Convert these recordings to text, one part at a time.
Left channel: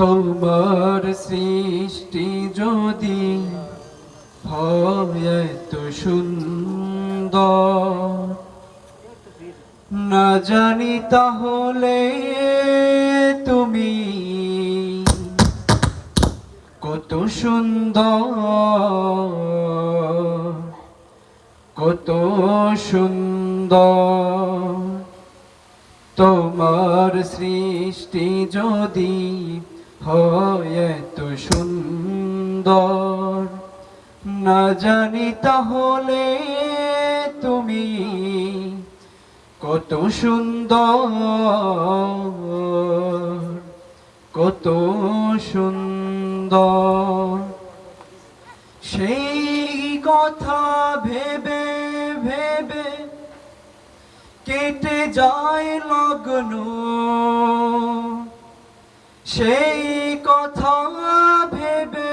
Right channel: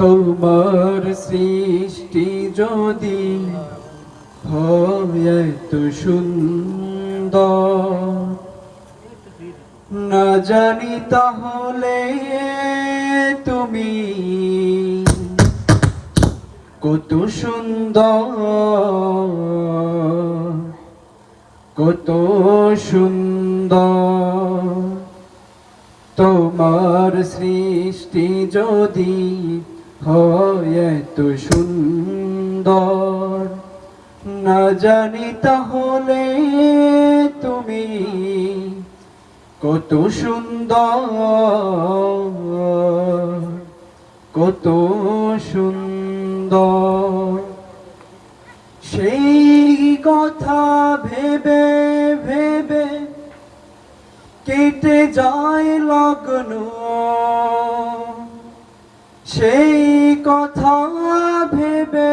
তোমার সৃষ্টি যদি হয় এত সুন্দর, না জানি তাহলে তুমি কত সুন্দর, কত সুন্দর। তোমার সৃষ্টি যদি হয় এত সুন্দর, না জানি তাহলে তুমি কত সুন্দর, কত সুন্দর। সেই কথা ভেবে ভেবে কেটে যায় লগ্ন, সেই কথা ভেবে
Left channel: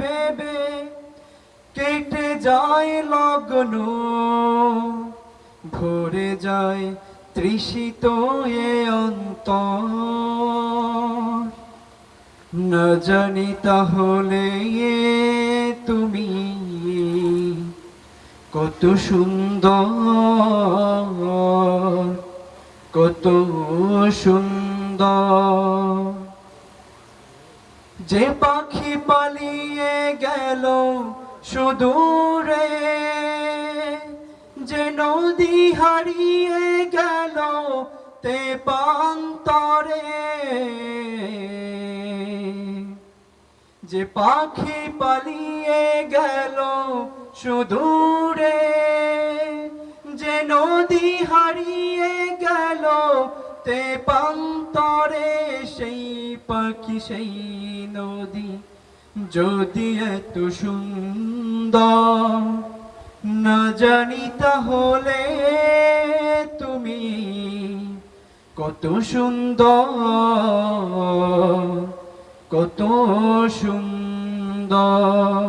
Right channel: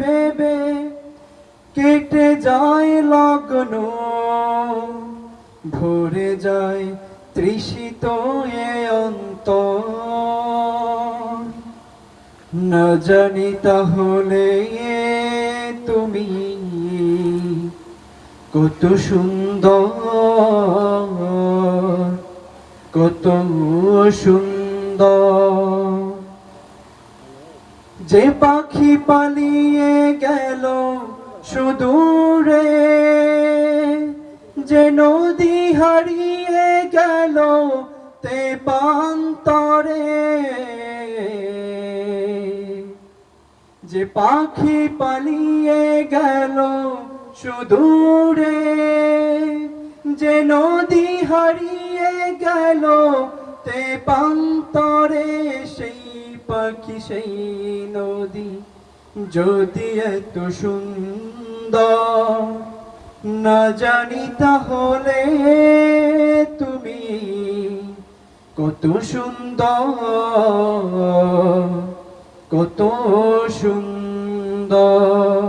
ভেবে কেটে যায় লগ্ন, ভরে যায় তৃষিত এ অন্তর। না জানি তাহলে তুমি কত সুন্দর, কত সুন্দর। যে পাখি পালিয়ে গেল সুদূরে, যে নদী হারিয়ে গেল তেপান্তরে, যে পাখি পালিয়ে গেল সুদূরে, যে নদী হারিয়ে গেল তেপান্তরে, সেই পাখি সেই নদী যদি এত সুন্দর, না জানি তাহলে তুমি কত সুন্দর, কত সুন্দর।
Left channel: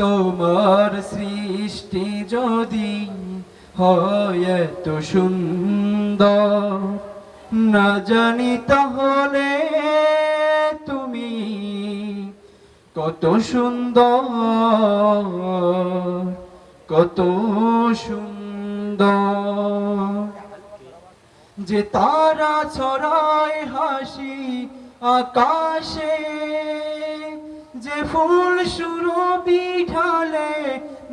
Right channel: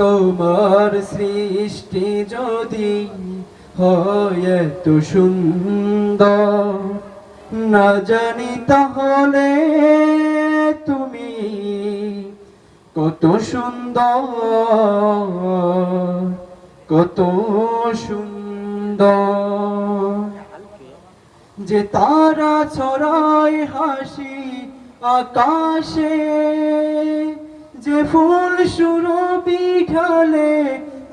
তোমার সৃষ্টি যদি হয় এত সুন্দর, না জানি তাহলে তুমি কত সুন্দর, কত সুন্দর। যে তারা ছড়ায় হাসি আকাশে, যে ফুল সুরভি ঢালে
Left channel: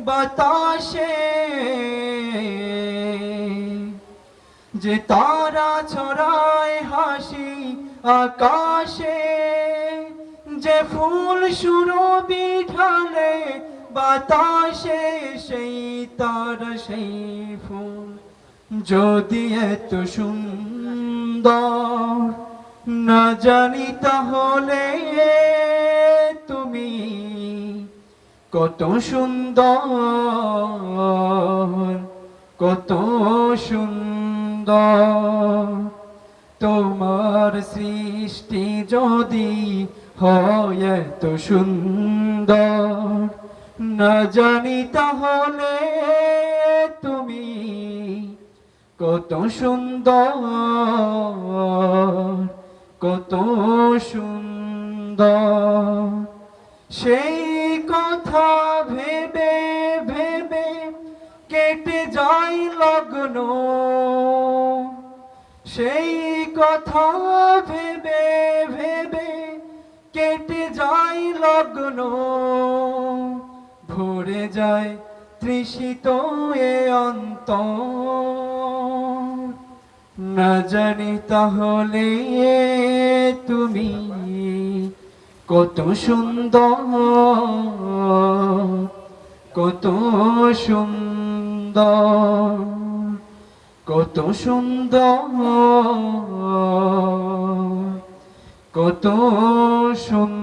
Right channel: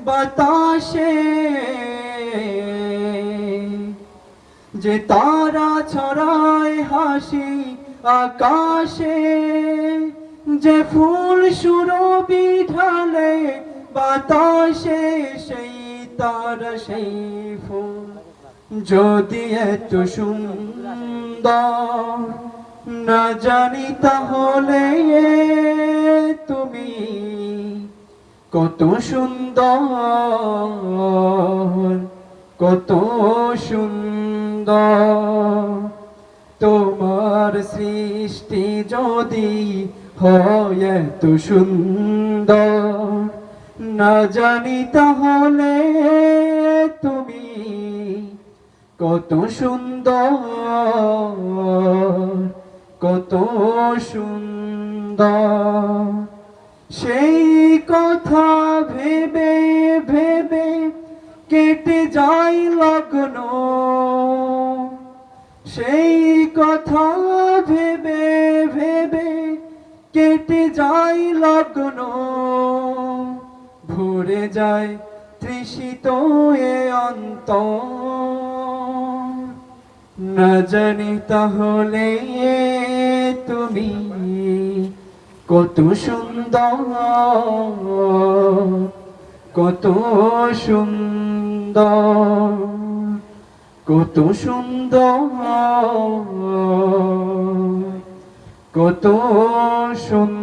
বাতাসে, যে তারা ছড়ায় হাসি আকাশে, যে ফুল সুরভি ঢালে বাতাসে, সেই তারা সেই ফুল যদি এত সুন্দর, না জানি তাহলে তুমি কত সুন্দর, কত সুন্দর। তোমার সৃষ্টি যদি হয় এত সুন্দর, না জানি তাহলে তুমি কত সুন্দর, কত সুন্দর। সেই কথা ভেবে ভেবে কেটে যায় লগ্ন, সেই কথা ভেবে ভেবে কেটে যায় লগ্ন, ভরে যায় তৃষিত এ অন্তর। না জানি তাহলে তুমি কত সুন্দর, কত সুন্দর, কত সুন্দর, কত সুন্দর।